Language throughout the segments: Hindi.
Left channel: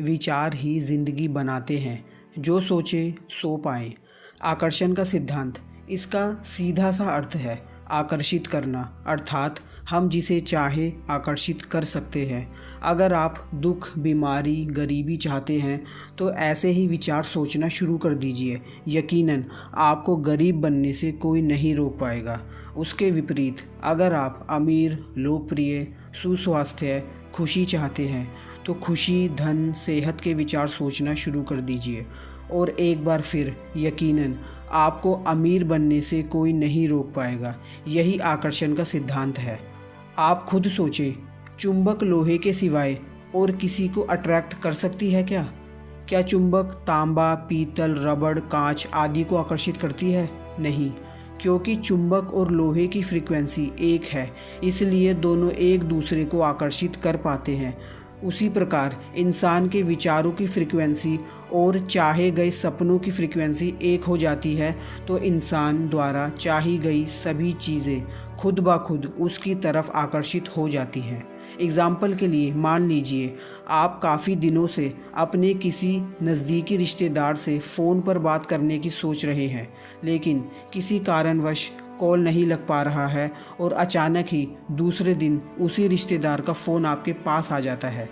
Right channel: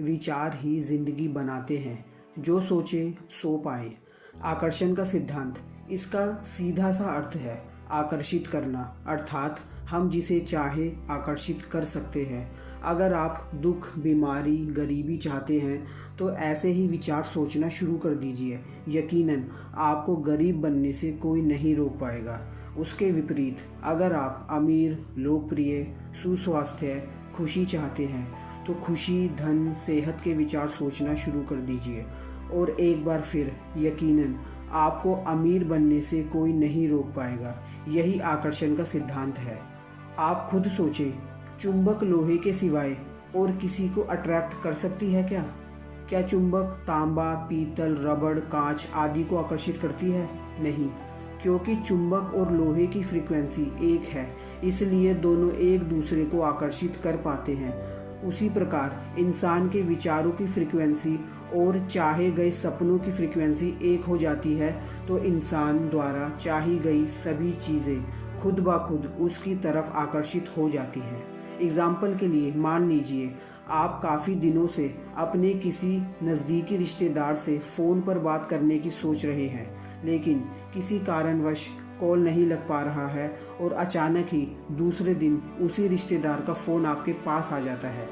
विचार ही जिंदगी बनाते हैं। जो सोचे सो पाए। आकर्षण का सिद्धांत, इसका सीधा सा अर्थ है आकर्षित करना, अर्थात हम जिसे चाहे आकर्षित कर सकते हैं। अगर आप दुख, बीमारी, गरीबी चाहते हैं तो ऐसे ही विचार सोचना शुरू कर दीजिए। यकीनन आपको गरीब बनने से कोई नहीं रोक पाएगा। उसके विपरीत अगर आप अमीर, लोकप्रिय, सुस्वास्थ्य, खुशी चाहते हैं तो खुशी, धन, सेहत के विचार सोचना शुरू कर दीजिए। और एक बार फिर यकीनन आपको अमीर बनने से कोई नहीं रोक पाएगा। यही आकर्षण का सिद्धांत है। आप खुद सोचें, चुंबक लोहे के सिवाय और किसी को अट्रैक्ट कर सकती है क्या? क्या चुंबक तांबा, पीतल, रबड़, कांच आदि को आकर्षित करती है? नहीं, क्योंकि चुंबक और लोहे की फ्रीक्वेंसी एक है, इसलिए दोनों एक दूसरे को आकर्षित कर पाते हैं। उसी प्रकार इंसान के विचारों की फ्रीक्वेंसी और चाहे गए सपनों की फ्रीक्वेंसी एक हो जाती है तो इंसान द्वारा चाही गई सभी चीज़ें खुद ब खुद उसकी तरफ आकर्षित हो जाती हैं। एग्ज़ाम्पल के लिए मान लीजिए आप काफ़ी दिनों से अपने किसी नज़दीकी रिश्तेदार से फ़ोन पर बात करने की सोच रहे हैं, लेकिन किसी कारणवश कॉल नहीं लग पा रहा है और अचानक ही दूसरे दिन उसी रिश्तेदार का फ़ोन आपके पास आ जाता है।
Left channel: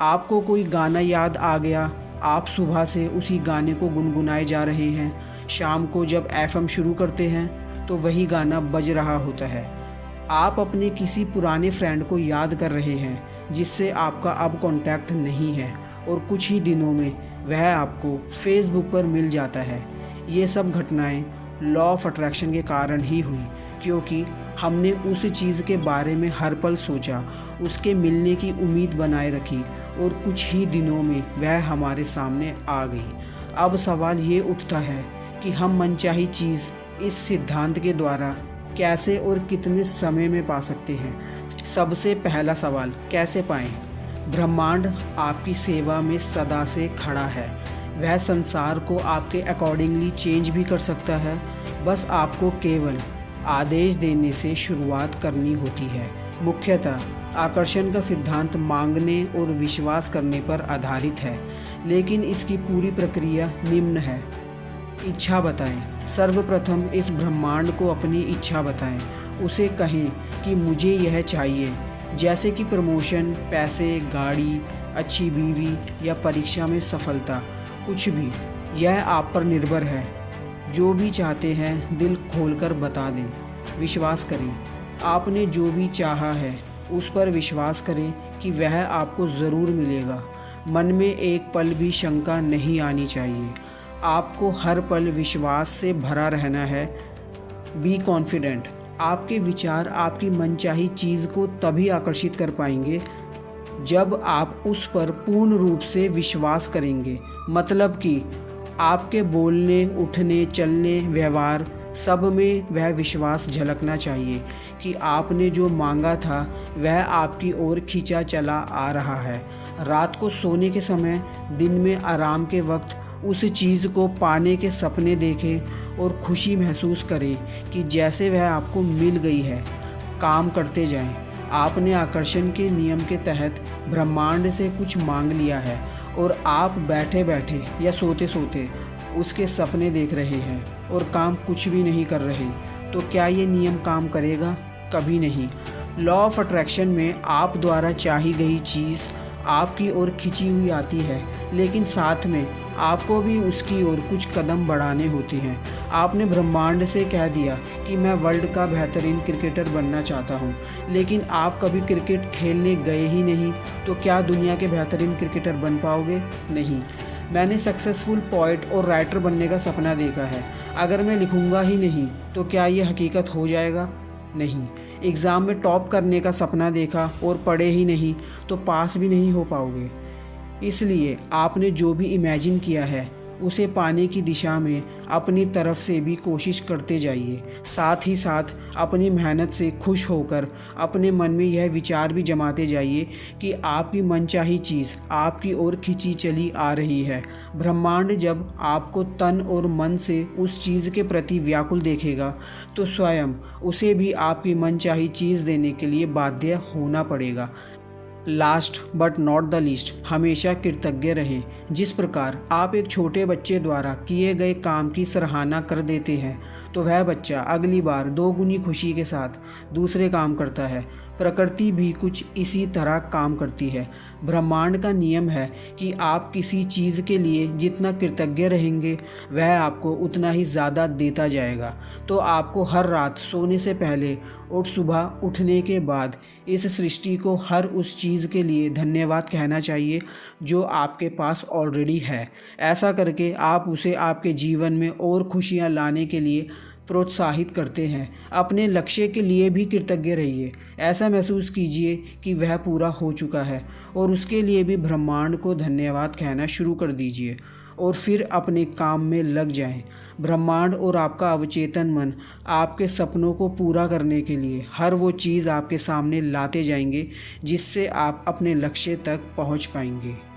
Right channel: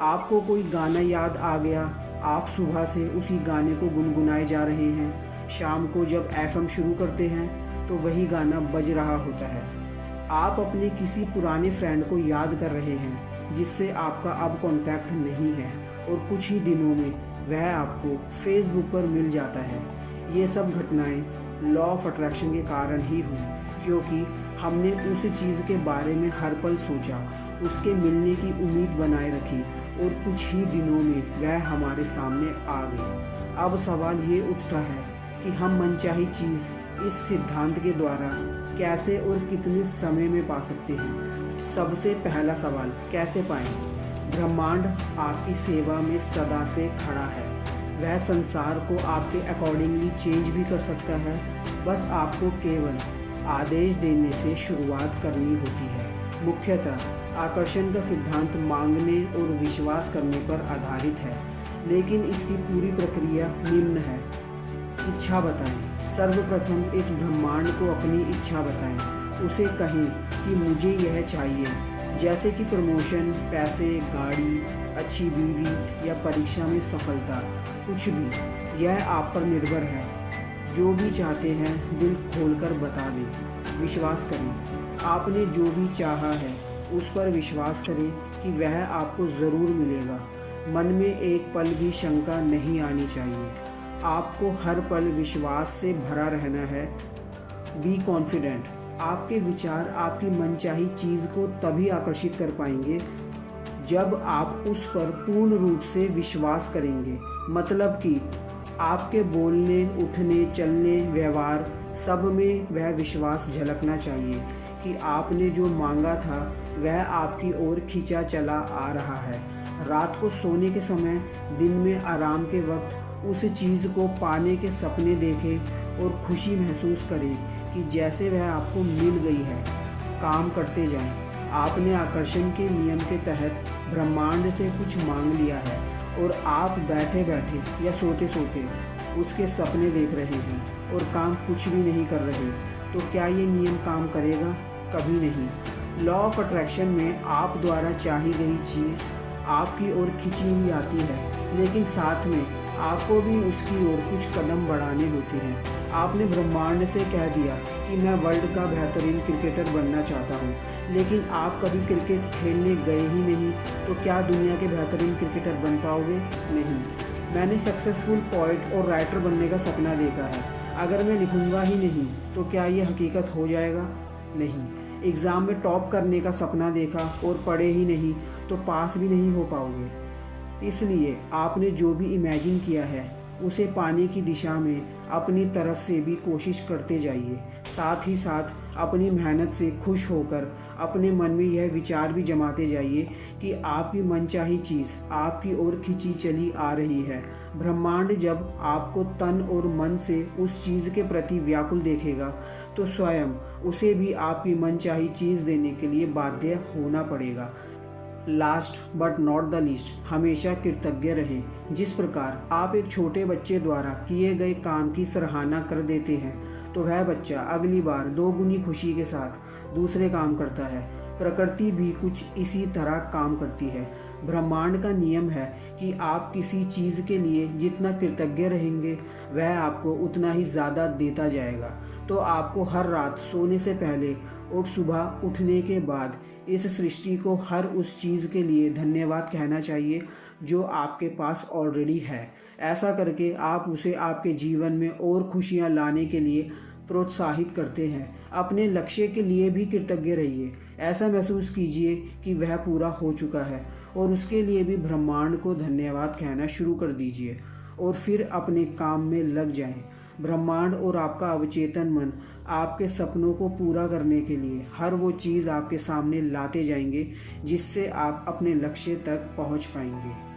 आपको कोई गाना याद आ गया, आप सुबह से उसी गाने को गुनगुनाए जा रहे हैं। शाम को जब एफएम शुरू करते हैं तो वही गाना बज रहा होता है। आप अपने किसी पुराने फ्रेंड को याद कर रहे हैं जिससे आपका अब कांटेक्ट नहीं है और कुछ ही दिनों में वह आपको फेसबुक पर मिल जाता है। ये सब घटनाएं लॉ ऑफ अट्रैक्शन के कारण ही हुई, क्योंकि हमने उस चीज़ के बारे में हर पल सोचा, उसके मिलने की उम्मीद बनाए रखी और कुछ ही दिनों में वह हमारे सामने आ गई। अब सवाल ये उठता है कि हम मनचाही चीज़ इस सिद्धांत के द्वारा कैसे और कितने समय में पा सकते हैं। सबसे पहला सवाल, कैसे पाएं? ब्रह्मांड आपकी सेवा में सदा से खड़ा है। वह संसार को आपके अकॉर्डिंगली चेंज भी कर सकता है। बस आपको केवल आदेश देने से शुरुआत करनी होती है। मुख्यतः आकर्षण का सिद्धांत मांगने और विश्वास करने पर आधारित है, लेकिन इसकी पूरी प्रक्रिया निम्न है। इच्छा बताएं। सर्वप्रथम इस ब्रह्मांड को अपनी इच्छा बताएं। उसे कहें कि मुझे यह चाहिए, जैसे कि प्रमोशन, पैसे, गाड़ी, अच्छी बीवी या परीक्षा में सफलता, कुछ भी। यह आप पर निर्भर है। जो भी चाहते हैं दिल खोलकर बता दें। विश्वास करें। आपने जो भी चाहा है उस पर विश्वास करें कि वह आपको ज़रूर मिलेगा। मन में एक पल भी शंका नहीं आनी चाहिए। आपको हर पल विश्वास से भरा रहना है। Be confident. आपके विचार आपकी मनचाही चीज़ को तभी आकर्षित कर पाएंगे जब आप उस पर पूर्ण रूप से विश्वास करेंगे। मतलब कि आपके बोलने, उठने, चलने, व्यवहार सब में वह विश्वास झलकना चाहिए कि आपने जो मांगा था वह आपकी ओर खींचा चला आ रहा है। रात को सोने के समय, दिन में आराम के वक्त उस चीज़ को पाने के सपने देखें और खुशी महसूस करें कि जैसे वह आपको मिल गई है। काम करते जाएं। आपने आकर्षण के नियम के तहत ब्रह्मांड से कुछ मांग लिया है और आप बैठे बैठे या सोते सोते उसके सपने देख रहे हैं और काम कुछ भी नहीं कर रहे, तो क्या ये नियम काम करेगा? कभी नहीं। लॉ ऑफ अट्रैक्शन में आप द्वारा चाही गई चीज़ आपकी ओर खिंची हुई आती है, लेकिन साथ में आपको भी उसकी ओर कुछ कदम बढ़ाने होते हैं। आपने ब्रह्मांड से कह दिया कि मैं वर्ल्ड का बेहतरीन क्रिकेटर बनना चाहता हूँ, लेकिन आप कभी क्रिकेट खेलने गए ही नहीं, तो क्या दुनिया के बेहतरीन क्रिकेटर बन पाओगे? नहीं। मैंने सक्सेसफुल पोएट और राइटर बनने का सपना देखा है। अगर मैं लिखूँगा ही नहीं तो क्या ये हकीकत हो जाएगा? नहीं। एग्ज़ाम में टॉप करने का सपना देखा और पढ़े ही नहीं तो पास भी नहीं हो पाओगे। इसलिए आपने जो भी इमेजिन किया है उसे पाने की दिशा में अपनी तरफ से भी कोशिश करते जाइए। साथ ही साथ अपनी मेहनत से खुश होकर अपने मन में यह विचार भी जमाते जाइए कि आपकी मनचाही चीज़ आपकी ओर खींची चली आ रही है। ब्रह्मांड जब आपको तन और मन से उस चीज़ के प्रति व्याकुल देखेगा तो स्वयं उसे भी आपकी मनचाही चीज़ देने के लिए बाध्य होना पड़ेगा। Last but not the least, हमेशा कृतज्ञ रहें। जिस प्रकार आप एक छोटे बच्चे द्वारा किए गए काम की सराहना कर देते हैं तो वह बच्चा अगली बार दोगुनी खुशी के साथ दूसरे काम करता है। प्रकृति भी कुछ इसी तरह काम करती है। ब्रह्मांड का नियम है कि आप किसी चीज़ के लिए जितना कृतज्ञ रहेंगे वह आपको उतना ही ज़्यादा देता जाएगा। तो आपको हर रात सोने से पहले और सुबह उठने के बाद इस सृष्टि को हर उस चीज़ के लिए धन्यवाद कहना चाहिए जो आपके पास ऑलरेडी है। ऐसा करके आप उसे आपके जीवन में और खुशियाँ लाने के लिए प्रोत्साहित करते हैं। अपने लक्ष्य के लिए भी कृतज्ञ रहिए। ऐसा महसूस कीजिए कि वह पूरा हो चुका है और उसके लिए भी ब्रह्मांड को धन्यवाद कहना शुरू कर दीजिए और फिर अपने काम में लग जाएं। ब्रह्मांड और आपका अवचेतन मन आपके सपनों को पूरा करने के लिए हर वो चीज़ आपके सामने लाते जाएंगे जिससे आप अपने लक्ष्य तक पहुंच पाएंगे।